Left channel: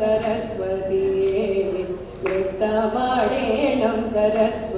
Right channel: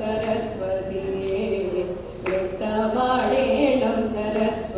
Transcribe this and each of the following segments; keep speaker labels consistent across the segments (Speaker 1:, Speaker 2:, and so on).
Speaker 1: சரஸ்வதியே சரஸ்வதி.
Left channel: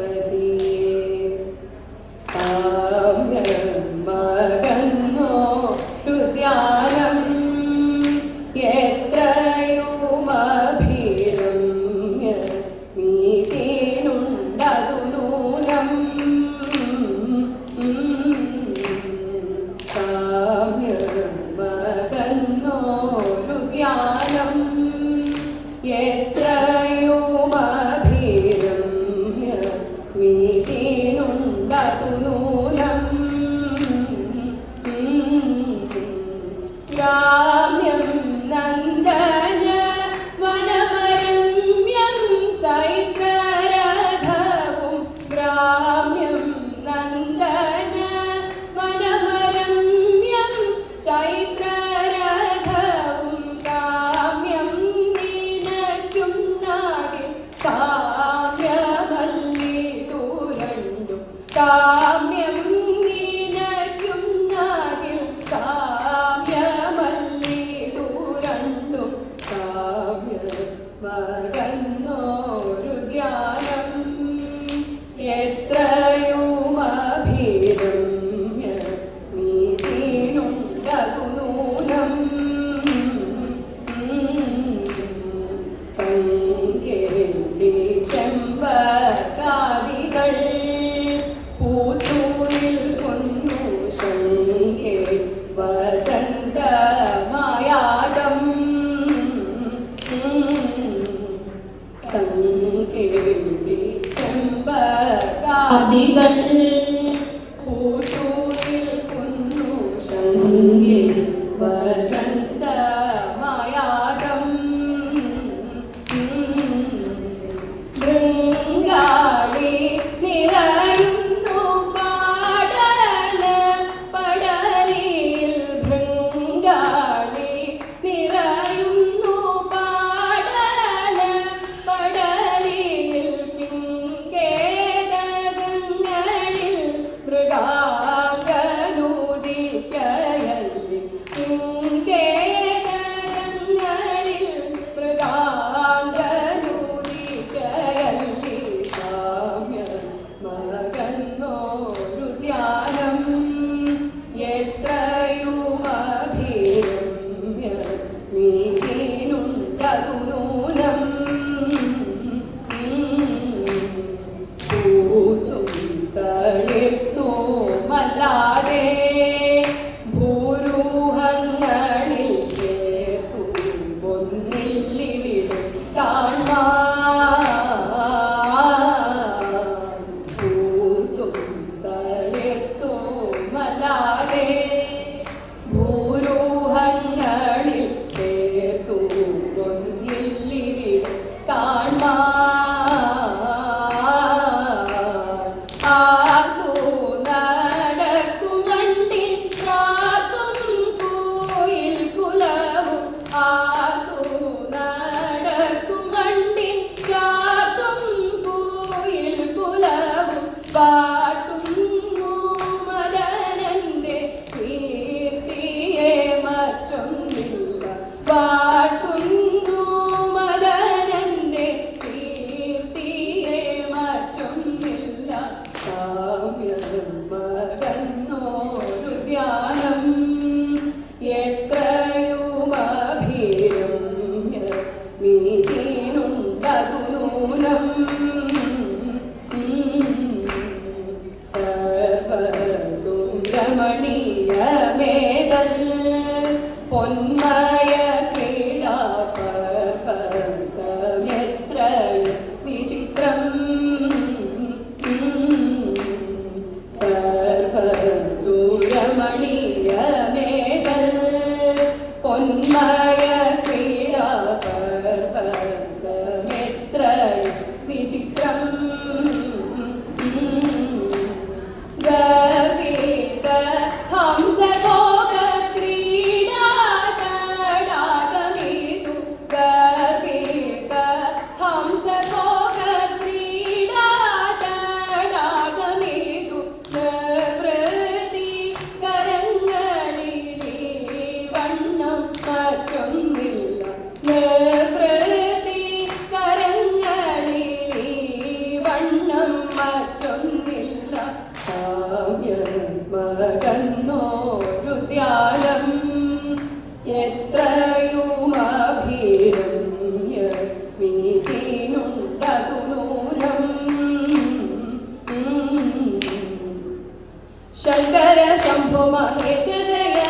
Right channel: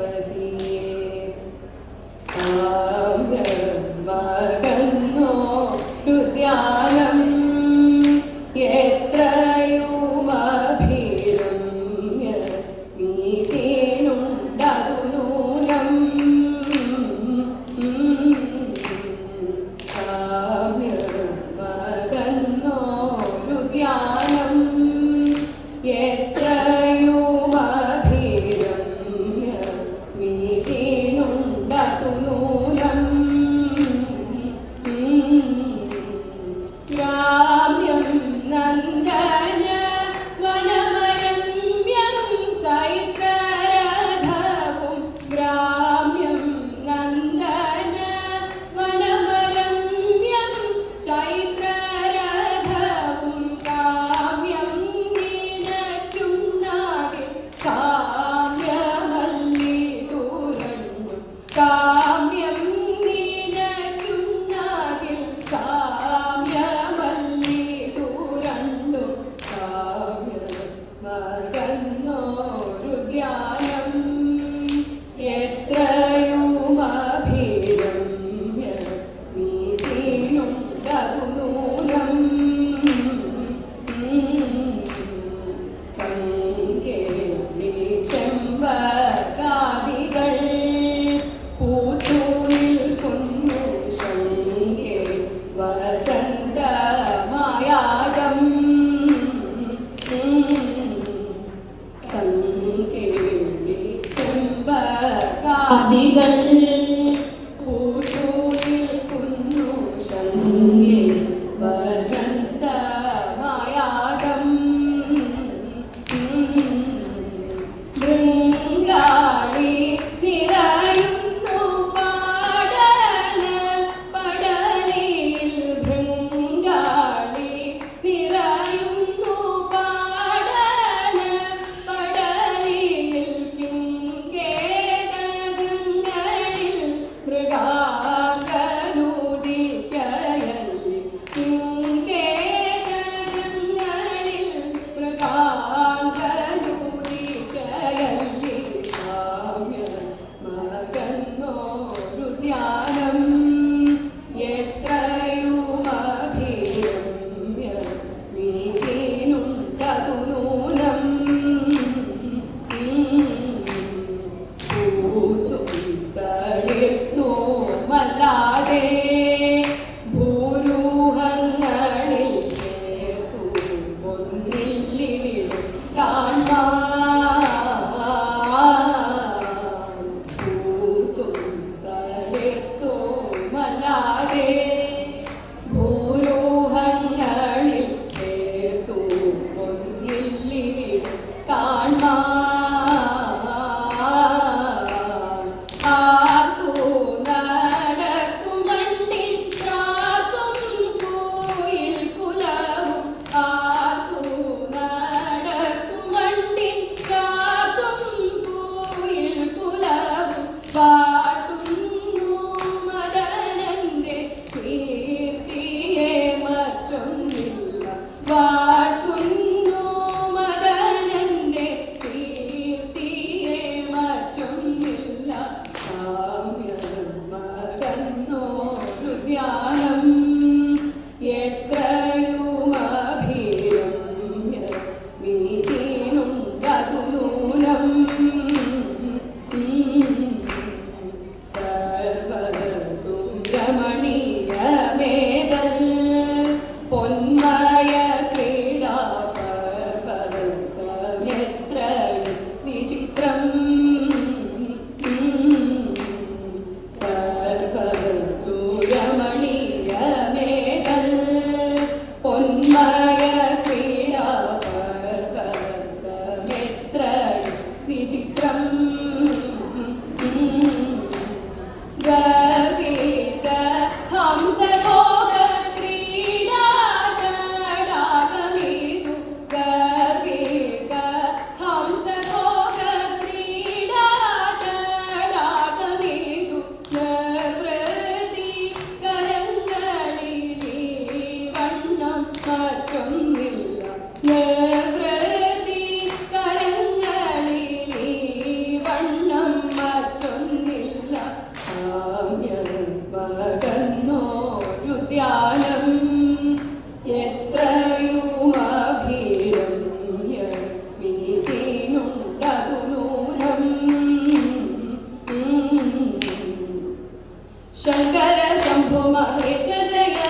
Speaker 1: शङ्कर शम्भु महेश जय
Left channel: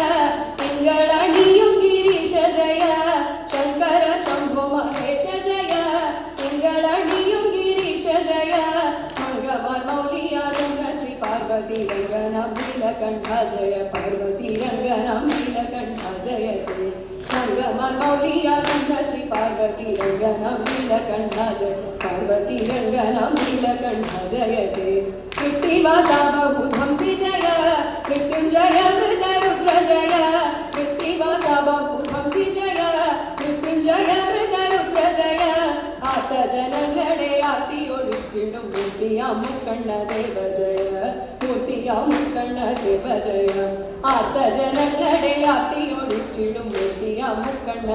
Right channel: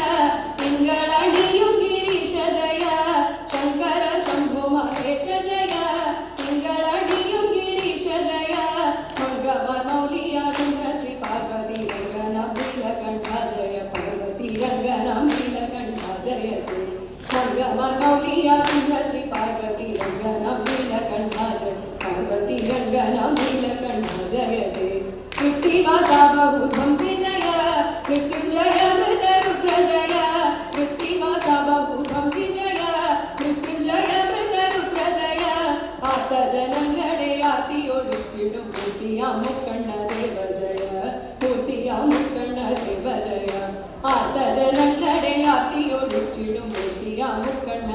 Speaker 1: पिङ्गळणियु गिरीश जय गिरीश जय मङ्गमौलिया श्री पार्वती रङ्गन नीलकण्ठ पार्वती रङ्गन जय मङ्गमौलिया रङ्ग श्री पार्वती जय पार्वती रङ्गन जयते कृत्तिवासा बहु मृत्युंजय मृतरुद्रजय मृत्तिवासा बभूतं जय। मृत्युंजय मृतरुद्रजय आत जनगणे आतियोडिच्चिडुं मूर्तिया मुकण्ण देव जय। मूर्तिया मुकण्ण देव जय आत जनगणे आतियोडिच्चिडुं मूर्तिया मुकण्ण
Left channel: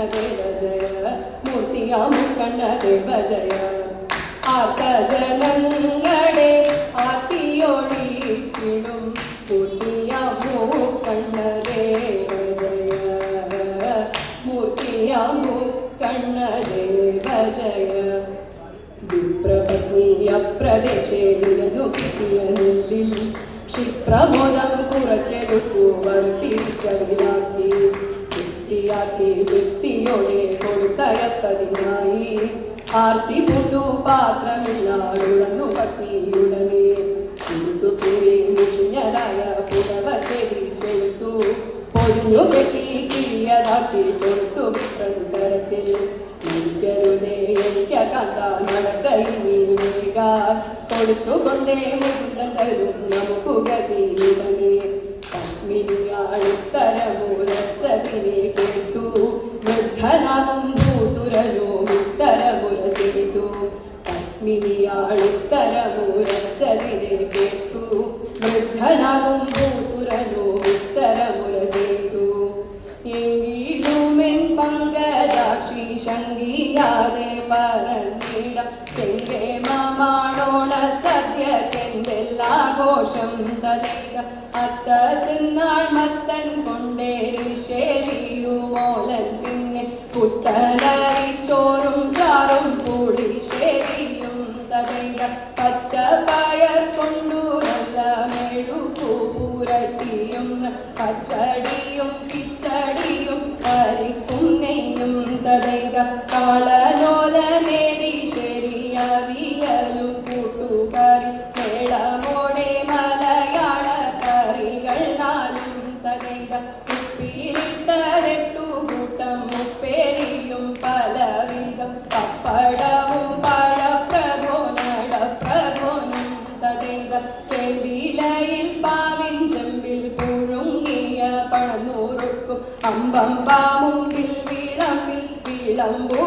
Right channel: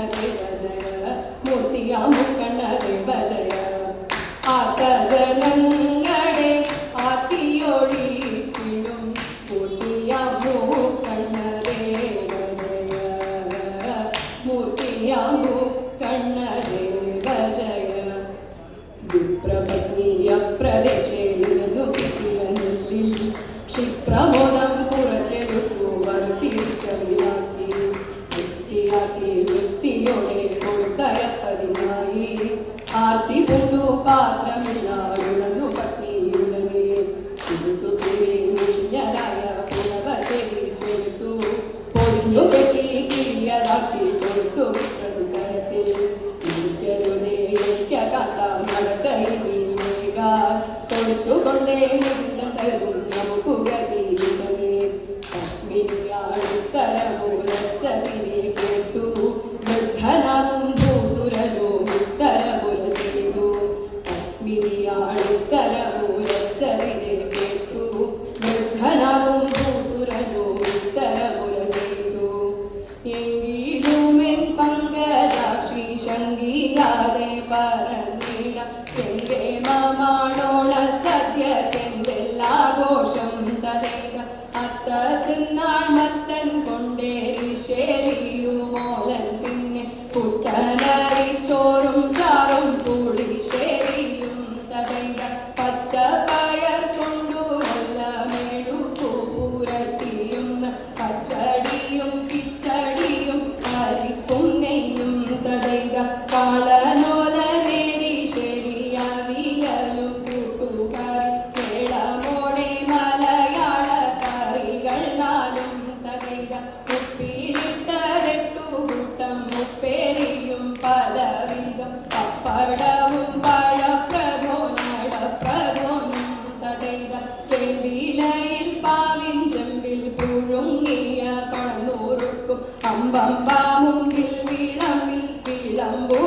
Speaker 1: രാമു കണ്ണദേവ ജയ വിപ്രപത്നിയ പ്രദേശേ നിന്നു കിട്ടിയ നെല്ലിൽ ക്ഷിപ്രമോദം കുറച്ചെടുക്കുവർ തിരിച്ചറിയാക്കി വൃത്തിയാക്കി വ്യക്തിയോടെ കൊടുത്തയപ്പതിനായി. ആർത്തി കൊണ്ടു പാത്രമില്ലാതെ കൊടുത്തുകൊണ്ടേ മുണ്ടരും നമുക്ക് ഗതിയുടനെ പത്മിനി അടുത്തരമുലച്ചതിനെ കേട്ടു. വൃദ്ധനാകും ഭൂസുരനോ ഉത്തരമുല ചെയ്തു. പത്മിനി കേട്ടു. വൃദ്ധനാകും ഭൂസുരനോ ഉത്തരമുല ചെയ്തു. എങ്കിലുമെൻ പങ്കജാക്ഷി ശങ്കിയാതെ പറഞ്ഞിട എന്റെ മാമാണോ അത്ത തിന്നാൾ വിളംബം പാമുമ്പിൽ വിളമ്പിൽ വിളമ്പോ